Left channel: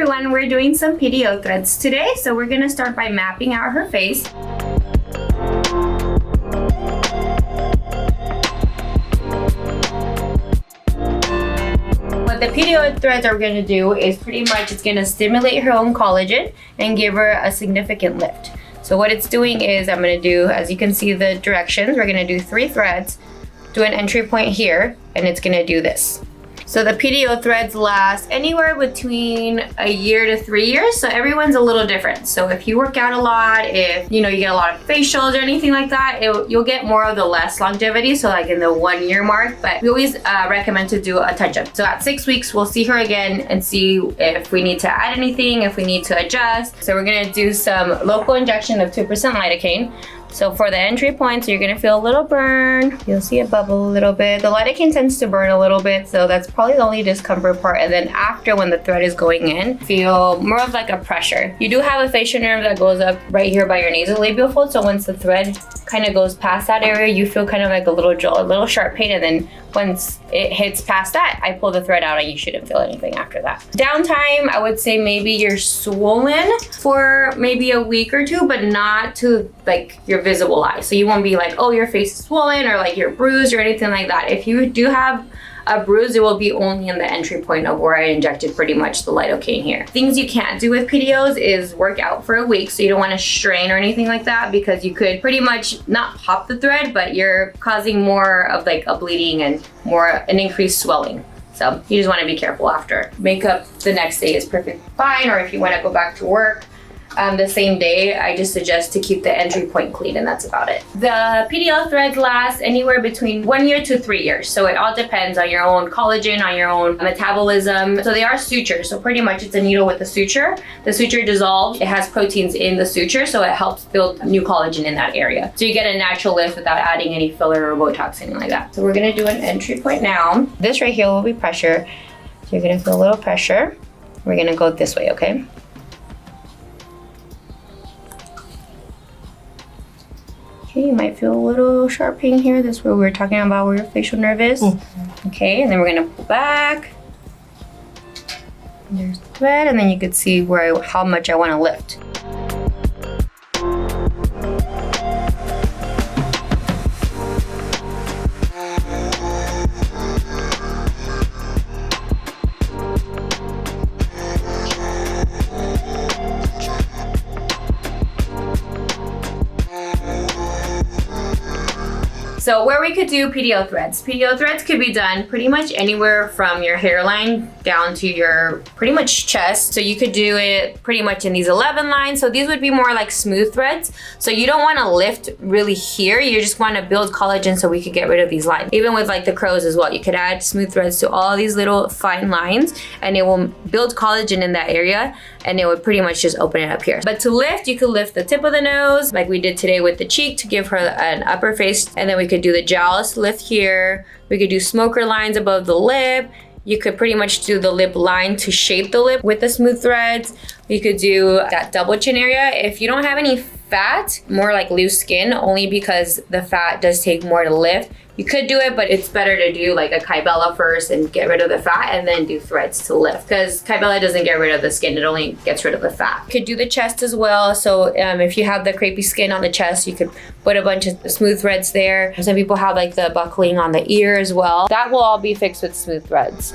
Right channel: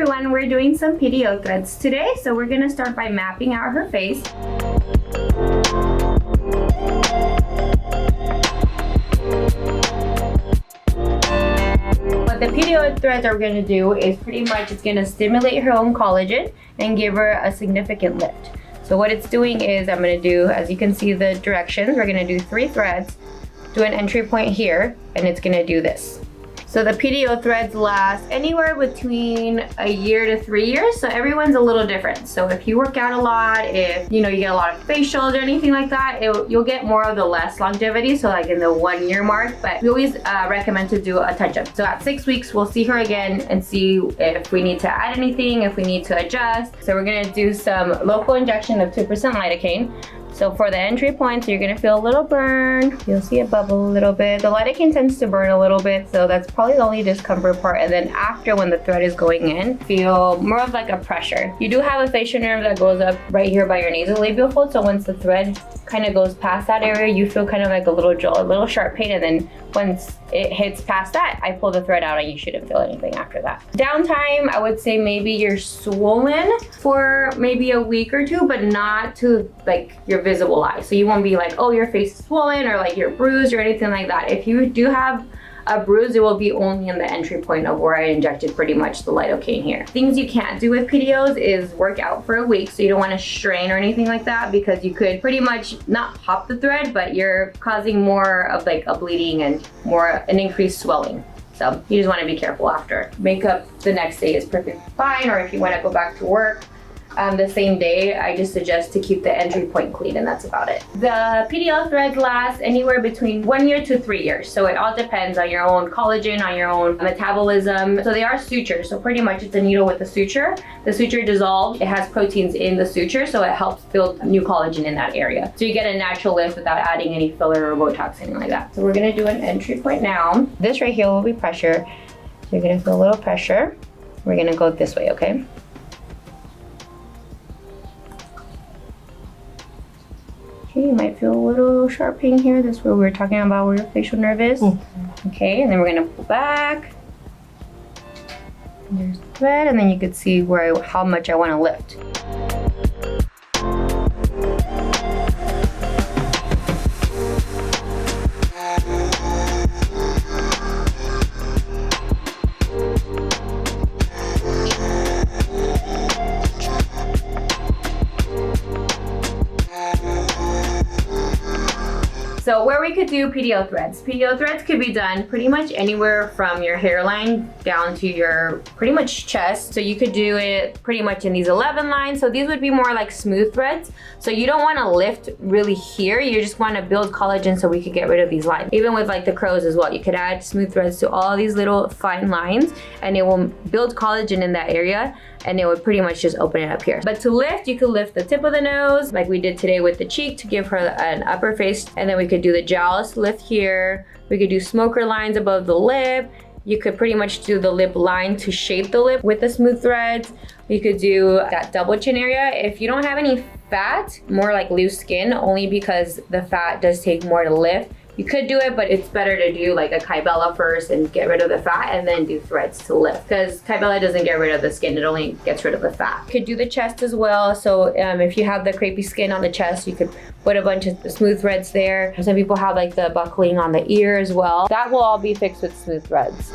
everyone, we're doing some PDO threads today. So we're gonna start by mapping out her face. What the PDO threads are gonna do is pretty much it's gonna stimulate her own collagen and give her a significant lift. So what it's doing is I'm gonna do, as you can see the directions, we're gonna do 3 threads, do an entry point here, and it's gonna do this. So the PDO threads last anywhere between a year to 3 years. So everyone's a little different. So if you work out a lot, if you get a lot of facials or anything like that, you'll get more of the less longevity. So like in the 1 year mark, but we always recommend to do a touch-up. So at 6 weeks, we'll see her again and see if we need to add anything, if we need to adjust. So we're gonna do some local injection of 2% lidocaine. So for the entry points, you're gonna feel a little burn. You'll see it bubble a little bit. The lidocaine tends to burn a little bit, so that's probably the only discomfort part. And then after, when the thread is going in, feel more of like a pressure. You do have a facial nerve that goes up right here by your nasolabial fold. So once the thread kind of goes past that area, you feel kind of like a little jolt, a little sharp pain. And then once it hits past that, I pull the thread out and you shouldn't feel anything after that. Downtime, I would say maybe you're swollen for maybe a week or two, but not to like your visible eye. So you won't be like, oh, your face is swollen or like you're bruised or anything like that. If you do have a bruise, it will be only in the entry point of where I injected pretty much the lidocaine here. Things you can't do with PDOs is work out for a week. So you don't want to strain or anything like that, because you could pretty much not pop the thread, but you're causing more of like a bleeding and an increased swelling. So you just want to be careful after. Makeup the next day is perfectly fine, or if you want to go back to work the same day, I just suggest to keep the entry point clean, and that's about it. The PDO threads last anywhere between 1 year to 3 years. So it all depends on your own collagen, on your own metabolism. So they are sutures. So pretty much it's a needle with a suture. The suture dissolves. It has proteins in the suture, so it helps build new collagen in that area. So you get a natural lift without adding any filler or Botox, anything like that. So we're gonna do an entry point now. This right here will be pressure. So you're gonna feel a little pressure. We're gonna go this way, okay? You might feel a little sharp pain here. This is where we were talking about where your facial nerve is. Okay, and then we're gonna pull back. And there's the thread, and then you could see how much I want to lift. So where we could do PDO threads. PDO threads could be done pretty much anywhere from your hairline down to your pretty much chest. So you could do it pretty much in these 11 lines. So these would be more like smooth threads. So you don't want to lift really here. You just want to build collagen so we could get rid of these lines. Even with like the crows as well. You could add smooth threads to all these little fine lines and it will build collagen in that area, and it would pretty much just open it up here. But to lift, you could lift the tip of the nose like we did today with the cheek to give her an upper face, and then we could do the jowls lift here. We could do smoker lines above the lip. You could pretty much do the lip line to shape the lip with the smooth threads. You could do that double chin area. If you don't have any fat, more like loose skin, only because the fat does take more to lift. You could do it, but it's better to do like a Kybella first and get rid of the fat and then do threads to lift, because Kybella doesn't get rid of the skin, it only gets rid of the fat. You could do the chest as well. So if you have the crepey skin on the chest, you could put a bunch of smooth threads there. Some people have like the buckling on the ear as well. That will all be fixed with smooth threads.